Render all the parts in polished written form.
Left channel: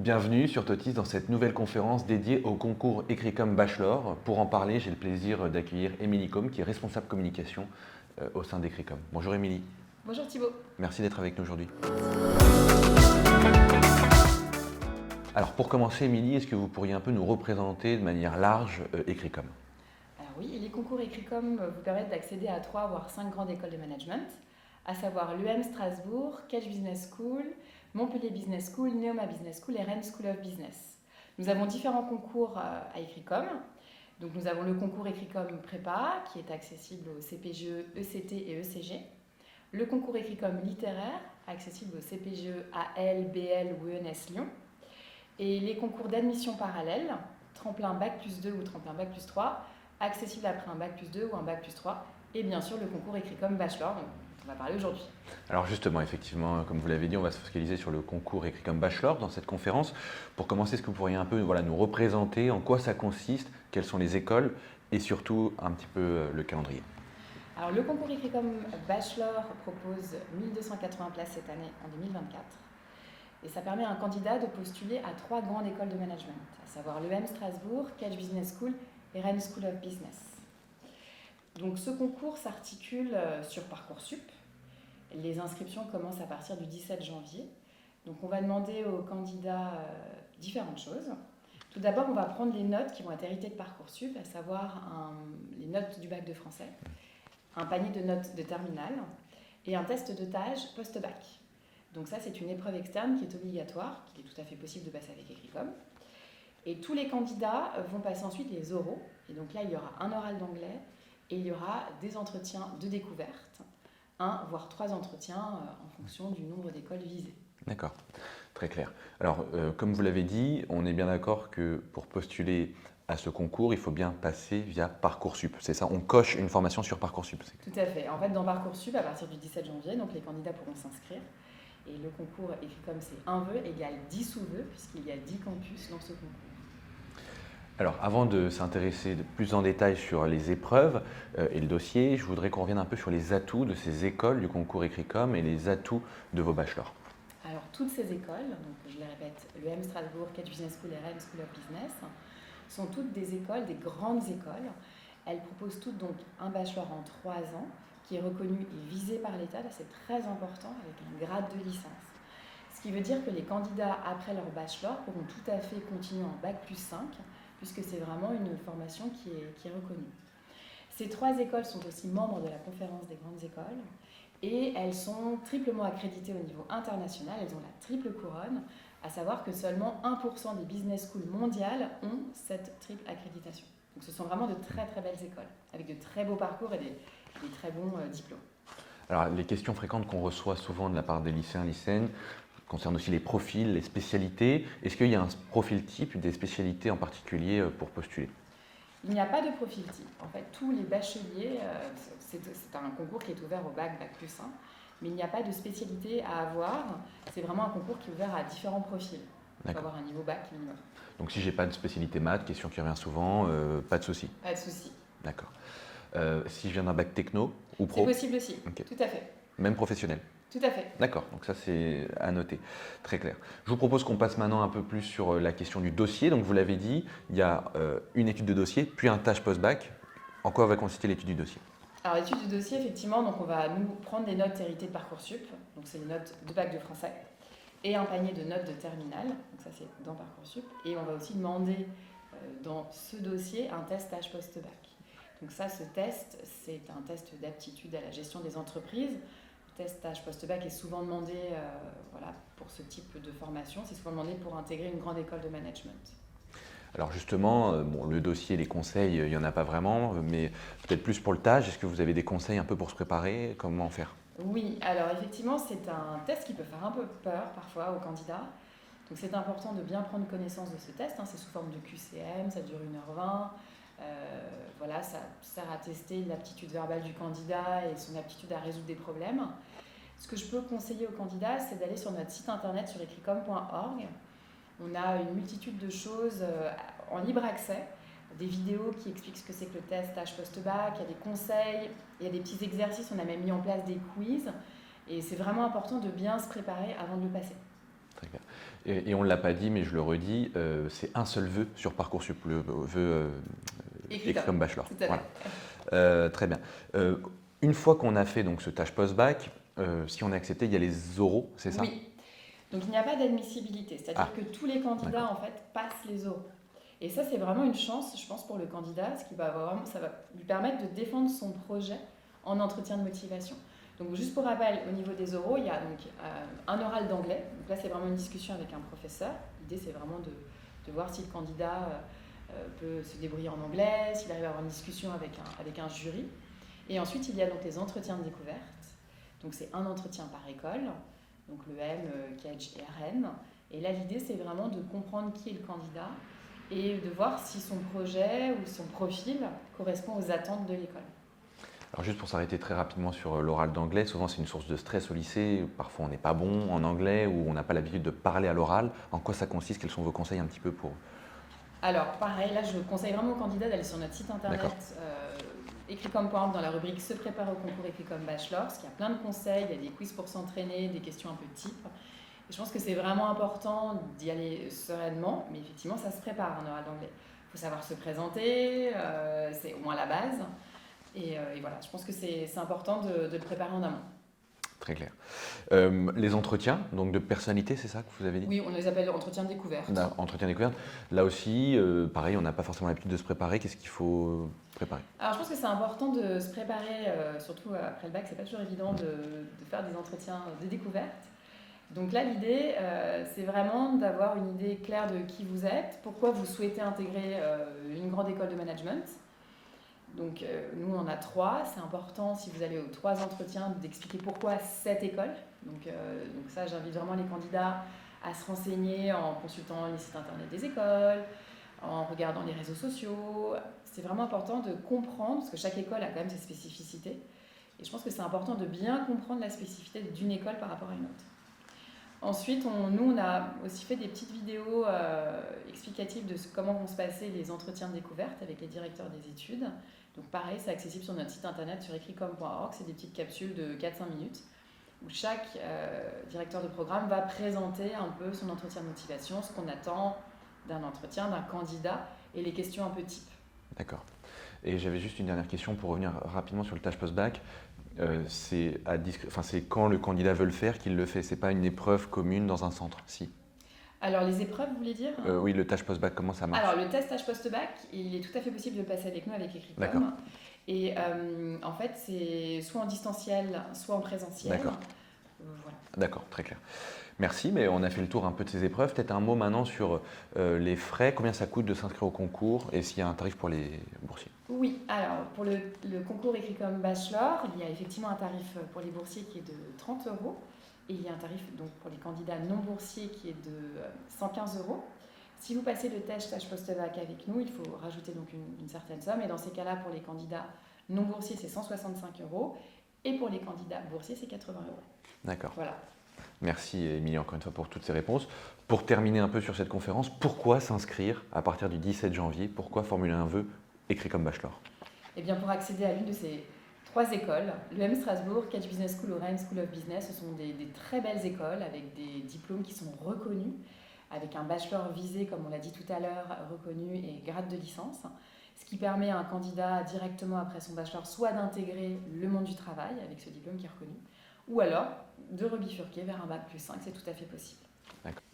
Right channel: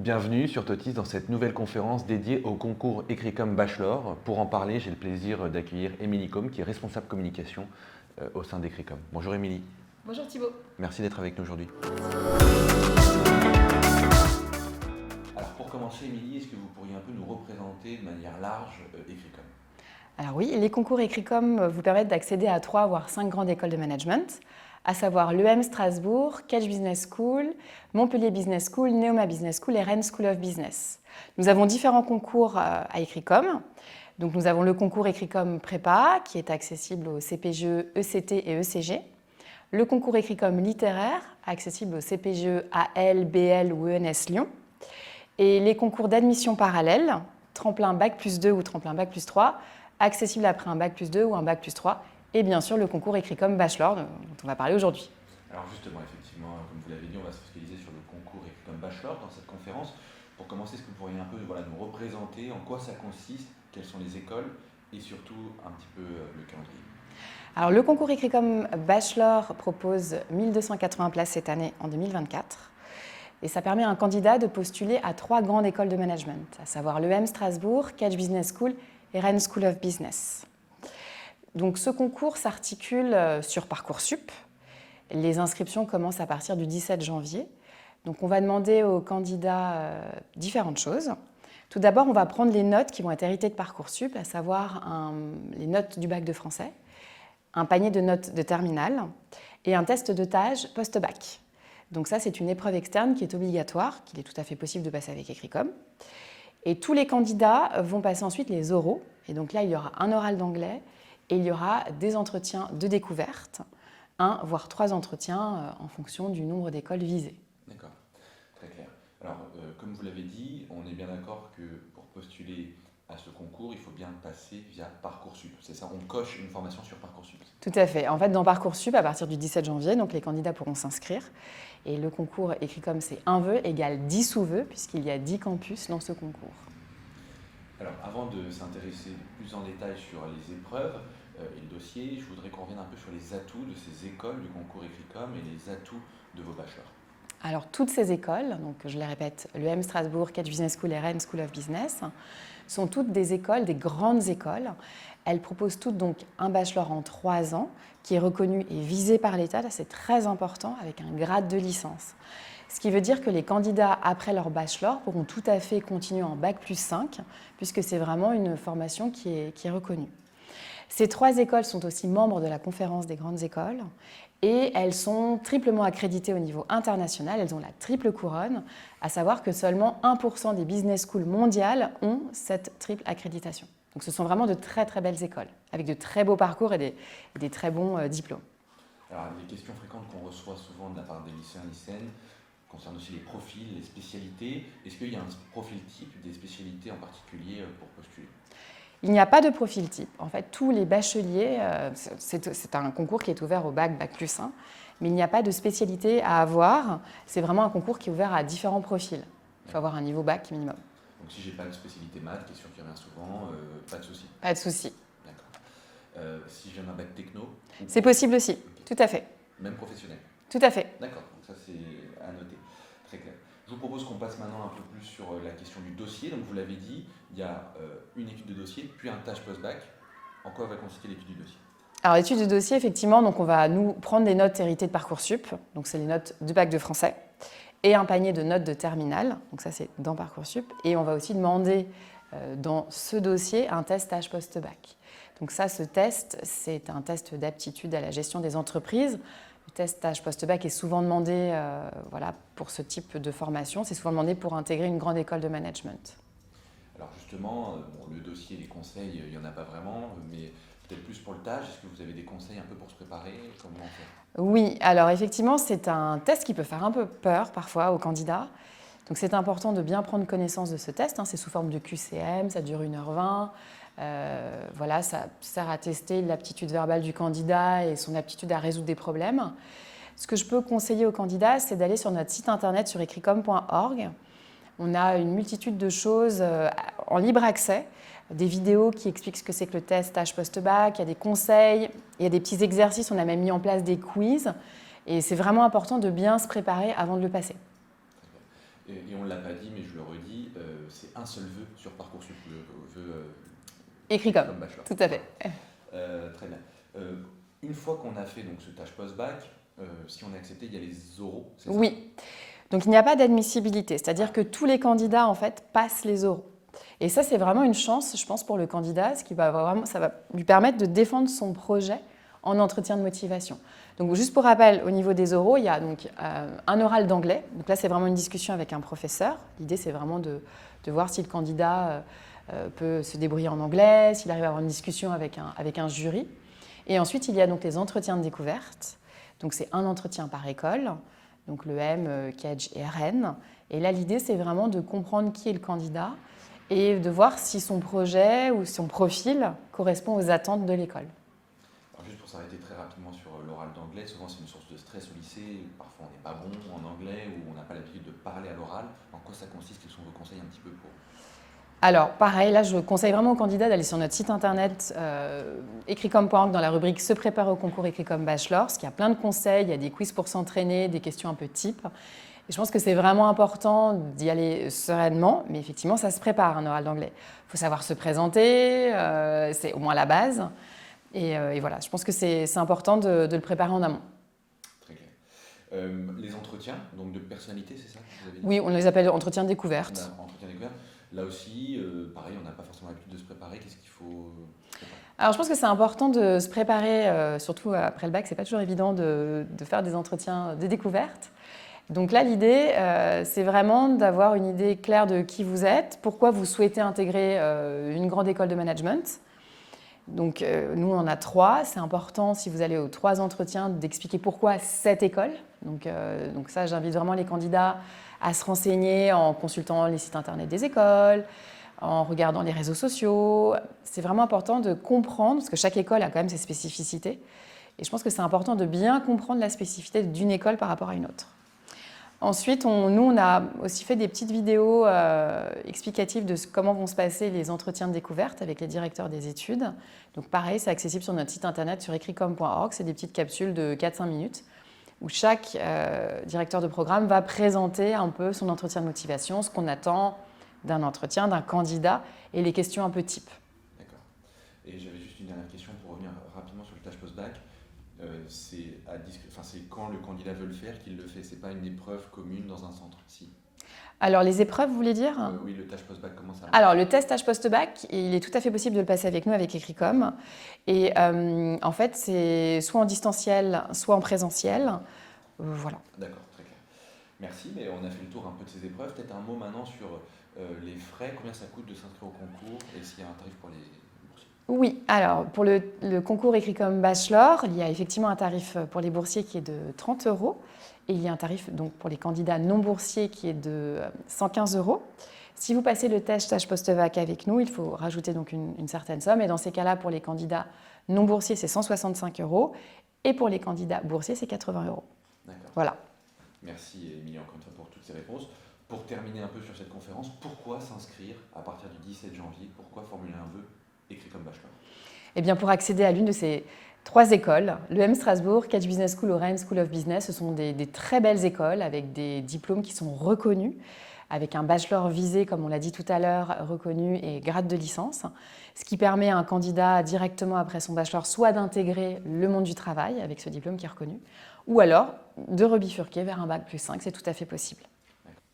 Bienvenue sur Totis dans cette nouvelle conférence dédiée au concours Écrit-Com Bachelor. Pour en parler, j'ai le plaisir d'accueillir Émilie Combe, qui est responsable communication au sein d'Écrit-Com. Bonjour Émilie. Bonjour Thibaut. Merci d'être avec nous aujourd'hui. Alors pour commencer Émilie, est-ce que vous pourriez un peu nous représenter de manière large Écrit-Com? Alors oui, les concours Écrit-Com vous permettent d'accéder à 3 voire 5 grandes écoles de management, à savoir l'EM Strasbourg, Catch Business School, Montpellier Business School, Neoma Business School et Rennes School of Business. Nous avons différents concours à Écrit-Com. Donc nous avons le concours Écrit-Com Prépa qui est accessible au CPGE, ECT et ECG. Le concours Écrit-Com littéraire accessible au CPGE AL, BL ou ENS Lyon. Et les concours d'admission parallèle, tremplin Bac+2 ou tremplin Bac+3, accessible après un Bac+2 ou un Bac+3. Et bien sûr le concours Écrit-Com Bachelor dont on va parler aujourd'hui. Alors justement, effectivement, comme vous l'avez dit, on va se focaliser sur le concours Écrit-Com Bachelor dans cette conférence. Pour commencer, est-ce que vous pourriez un peu nous représenter en quoi ça consiste, quelles sont les écoles et surtout un petit peu le calendrier? Alors le concours Écrit-Com Bachelor propose 1280 places cette année en 2024. Et ça permet à un candidat de postuler à 3 grandes écoles de management, à savoir l'EM Strasbourg, Catch Business School et Rennes School of Business. Donc ce concours s'articule sur Parcoursup. Les inscriptions commencent à partir du 17 janvier. Donc on va demander aux candidats différentes choses. Tout d'abord, on va prendre les notes qui vont être héritées de Parcoursup, à savoir les notes du bac de français, un panier de notes de terminale et un test de TAGE post-bac. Donc ça, c'est une épreuve externe qui est obligatoire, qu'il est tout à fait possible de passer avec Écrit-Com. Et tous les candidats vont passer ensuite les oraux. Et donc là, il y aura un oral d'anglais et il y aura des entretiens de découverte, 1 voire 3 entretiens en fonction du nombre d'écoles visées. D'accord, très clair. Alors, comme vous l'avez dit, on est bien d'accord que pour postuler à ce concours, il faut bien passer via Parcoursup. C'est ça, on coche une formation sur Parcoursup. Tout à fait. En fait, dans Parcoursup, à partir du 17 janvier, donc les candidats pourront s'inscrire. Et le concours Écrit-Com, c'est 1 vœu égale 10 sous-vœux, puisqu'il y a 10 campus dans ce concours. Alors, avant de s'intéresser de plus en détail sur les épreuves et le dossier, je voudrais qu'on revienne un peu sur les atouts de ces écoles du concours Écrit-Com et les atouts de vos bachelors. Alors, toutes ces écoles, donc je les répète, l'EM Strasbourg, Catch Business School et Rennes School of Business, sont toutes des écoles, des grandes écoles. Elles proposent toutes donc un bachelor en 3 ans qui est reconnu et visé par l'État, c'est très important, avec un grade de licence. Ce qui veut dire que les candidats, après leur bachelor, pourront tout à fait continuer en Bac+5, puisque c'est vraiment une formation qui est reconnue. Ces 3 écoles sont aussi membres de la conférence des grandes écoles et elles sont triplement accréditées au niveau international. Elles ont la triple couronne, à savoir que seulement 1% des business schools mondiales ont cette triple accréditation. Donc ce sont vraiment de très très belles écoles, avec de très beaux parcours et des très bons diplômes. Alors, les questions fréquentes qu'on reçoit souvent de la part des lycéens, lycéennes, concernent aussi les profils, les spécialités. Est-ce qu'il y a un profil type, des spécialités en particulier pour postuler? Il n'y a pas de profil type. En fait, tous les bacheliers, c'est un concours qui est ouvert au bac, Bac+1, mais il n'y a pas de spécialité à avoir. C'est vraiment un concours qui est ouvert à différents profils. Il faut avoir un niveau bac minimum. Donc si je n'ai pas de spécialité maths, question qui revient souvent, pas de souci. Pas de souci. D'accord. Si je viens d'un bac techno ou pro, c'est possible aussi, okay. Tout à fait. Même professionnel? Tout à fait. D'accord, donc ça c'est à noter, très clair. Je vous propose qu'on passe maintenant un peu plus sur la question du dossier. Donc vous l'avez dit, il y a une étude de dossier, puis un TAGE post-bac. En quoi va consister l'étude du dossier? Alors l'étude de dossier, effectivement, donc on va nous prendre des notes héritées de Parcoursup, donc c'est les notes du bac de français, et un panier de notes de terminale, donc ça c'est dans Parcoursup, et on va aussi demander dans ce dossier un test TAGE post-bac. Donc ça, ce test, c'est un test d'aptitude à la gestion des entreprises. Le test TAGE post-bac est souvent demandé pour ce type de formation. C'est souvent demandé pour intégrer une grande école de management. Alors justement, le dossier, les conseils, il n'y en a pas vraiment, mais peut-être plus pour le TAGE. Est-ce que vous avez des conseils un peu pour se préparer? Comment faire? Oui, alors effectivement, c'est un test qui peut faire un peu peur parfois aux candidats. Donc c'est important de bien prendre connaissance de ce test. C'est sous forme de QCM, ça dure 1h20. Ça sert à tester l'aptitude verbale du candidat et son aptitude à résoudre des problèmes. Ce que je peux conseiller aux candidats, c'est d'aller sur notre site internet sur écritcom.org. On a une multitude de choses en libre accès, des vidéos qui expliquent ce que c'est que le test TAGE post-bac, il y a des conseils, il y a des petits exercices, on a même mis en place des quiz. Et c'est vraiment important de bien se préparer avant de le passer. Très bien. Et on ne l'a pas dit, mais je le redis, c'est un seul vœu sur Parcoursup, le vœu Écrit comme bachelor. Tout à fait. Voilà. Très bien. Une fois qu'on a fait donc, ce stage post-bac, si on est accepté, il y a les oraux, c'est ça? Oui. Donc il n'y a pas d'admissibilité, c'est-à-dire que tous les candidats en fait passent les oraux. Et ça, c'est vraiment une chance, je pense, pour le candidat, ça va lui permettre de défendre son projet en entretien de motivation. Donc, juste pour rappel, au niveau des oraux, il y a donc un oral d'anglais. Donc là, c'est vraiment une discussion avec un professeur. L'idée, c'est vraiment de voir si le candidat peut se débrouiller en anglais, s'il arrive à avoir une discussion avec un jury. Et ensuite, il y a donc les entretiens de découverte. Donc, c'est un entretien par école, donc le M, Kedge et RN. Et là, l'idée, c'est vraiment de comprendre qui est le candidat et de voir si son projet ou son profil correspond aux attentes de l'école. Alors juste pour s'arrêter très rapidement sur l'oral d'anglais, souvent c'est une source de stress au lycée, parfois on n'est pas bon en anglais ou on n'a pas l'habitude de parler à l'oral. En quoi ça consiste? Quels sont vos conseils un petit peu pour… Alors pareil, là je conseille vraiment aux candidats d'aller sur notre site internet écricom.org dans la rubrique Se préparer au concours Écricom Bachelor, parce qu'il y a plein de conseils, il y a des quiz pour s'entraîner, des questions un peu type. Et je pense que c'est vraiment important d'y aller sereinement, mais effectivement ça se prépare un oral d'anglais. Il faut savoir se présenter, c'est au moins la base. Et voilà, je pense que c'est important de le préparer en amont. Très clair. Les entretiens, donc de personnalité, c'est ça que vous avez dit? Oui, on les appelle entretiens de découverte. Entretien découverte. Là aussi, pareil, on n'a pas forcément l'habitude de se préparer. Qu'est-ce qu'il faut préparer? Alors, je pense que c'est important de se préparer, surtout après le bac. C'est pas toujours évident de faire des entretiens de découverte. Donc là, l'idée, c'est vraiment d'avoir une idée claire de qui vous êtes, pourquoi vous souhaitez intégrer une grande école de management. Donc, nous, on en a 3. C'est important, si vous allez aux 3 entretiens, d'expliquer pourquoi cette école. Donc ça, j'invite vraiment les candidats à se renseigner en consultant les sites internet des écoles, en regardant les réseaux sociaux. C'est vraiment important de comprendre, parce que chaque école a quand même ses spécificités. Et je pense que c'est important de bien comprendre la spécificité d'une école par rapport à une autre. Ensuite, on a aussi fait des petites vidéos explicatives de comment vont se passer les entretiens de découverte avec les directeurs des études. Donc pareil, c'est accessible sur notre site internet sur écricom.org. C'est des petites capsules de 4-5 minutes où chaque directeur de programme va présenter un peu son entretien de motivation, ce qu'on attend d'un entretien, d'un candidat et les questions un peu type. D'accord. Et j'avais juste une dernière question pour revenir rapidement sur le stage post-bac. C'est quand le candidat veut le faire qu'il le fait. Ce n'est pas une épreuve commune dans un centre, si. Alors, les épreuves, vous voulez dire? Oui, le stage post-bac, comment ça marche? Alors, le test stage post-bac, il est tout à fait possible de le passer avec nous, avec Écricom. Et en fait, c'est soit en distanciel, soit en présentiel. Voilà. D'accord, très clair. Merci, mais on a fait le tour un peu de ces épreuves. Peut-être un mot maintenant sur les frais, combien ça coûte de s'inscrire au concours et s'il y a un tarif pour les boursiers. Oui, alors pour le concours Écricom Bachelor, il y a effectivement un tarif pour les boursiers qui est de 30 € et il y a un tarif donc, pour les candidats non boursiers qui est de 115 €. Si vous passez le test stage post-bac avec nous, il faut rajouter donc une certaine somme et dans ces cas-là, pour les candidats non boursiers, c'est 165 € et pour les candidats boursiers, c'est 80 €. D'accord. Voilà. Merci Émilie encore une fois pour toutes ces réponses. Pour terminer un peu sur cette conférence, pourquoi s'inscrire à partir du 17 janvier? Pourquoi formuler un vœu Écricom Bachelor? Eh bien, pour accéder à l'une de ces 3 écoles, l'EM Strasbourg, Kedge Business School, Rennes School of Business, ce sont des très belles écoles avec des diplômes qui sont reconnus, avec un bachelor visé, comme on l'a dit tout à l'heure, reconnu et grade de licence, ce qui permet à un candidat directement après son bachelor soit d'intégrer le monde du travail avec ce diplôme qui est reconnu, ou alors de rebifurquer vers un bac plus 5, c'est tout à fait possible.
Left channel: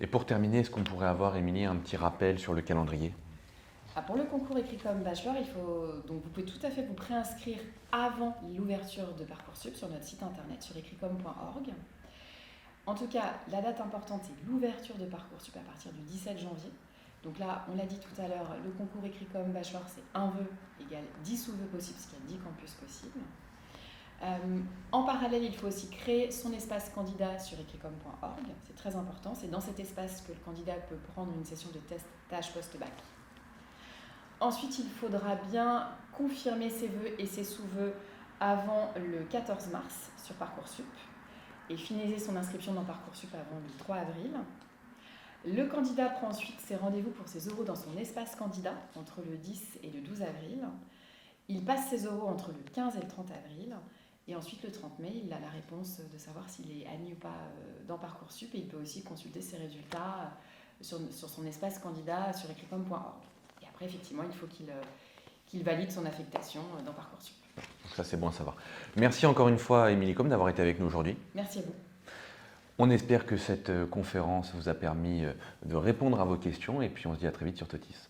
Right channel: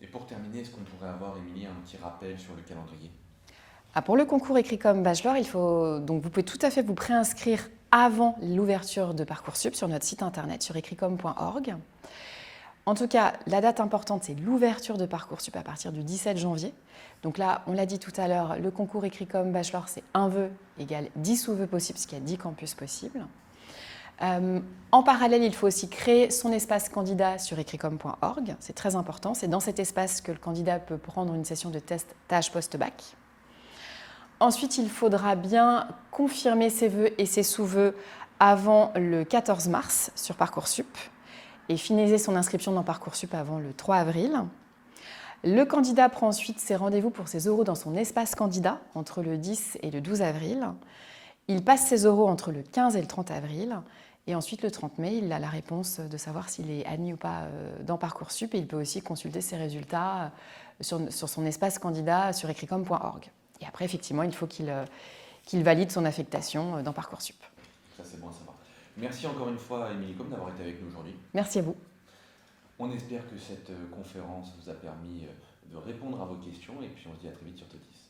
Et pour terminer, est-ce qu'on pourrait avoir, Émilie, un petit rappel sur le calendrier? Pour le concours Écricom Bachelor, vous pouvez tout à fait vous préinscrire avant l'ouverture de Parcoursup sur notre site internet sur écricom.org. En tout cas, la date importante, c'est l'ouverture de Parcoursup à partir du 17 janvier. Donc là, on l'a dit tout à l'heure, le concours Écricom Bachelor, c'est un vœu égale 10 sous-vœux possibles, parce qu'il y a 10 campus possibles. En parallèle, il faut aussi créer son espace candidat sur écricom.org. C'est très important. C'est dans cet espace que le candidat peut prendre une session de test stage post-bac. Ensuite, il faudra bien confirmer ses vœux et ses sous-vœux avant le 14 mars sur Parcoursup et finaliser son inscription dans Parcoursup avant le 3 avril. Le candidat prend ensuite ses rendez-vous pour ses oraux dans son espace candidat entre le 10 et le 12 avril. Il passe ses oraux entre le 15 et le 30 avril. Et ensuite, le 30 mai, il a la réponse de savoir s'il est admis ou pas dans Parcoursup et il peut aussi consulter ses résultats sur son espace candidat sur ecricom.org. Et après, effectivement, il faut qu'il valide son affectation dans Parcoursup. Ça, c'est bon à savoir. Merci encore une fois, Émilie Combe, d'avoir été avec nous aujourd'hui. Merci à vous. On espère que cette conférence vous a permis de répondre à vos questions et puis on se dit à très vite sur Totis.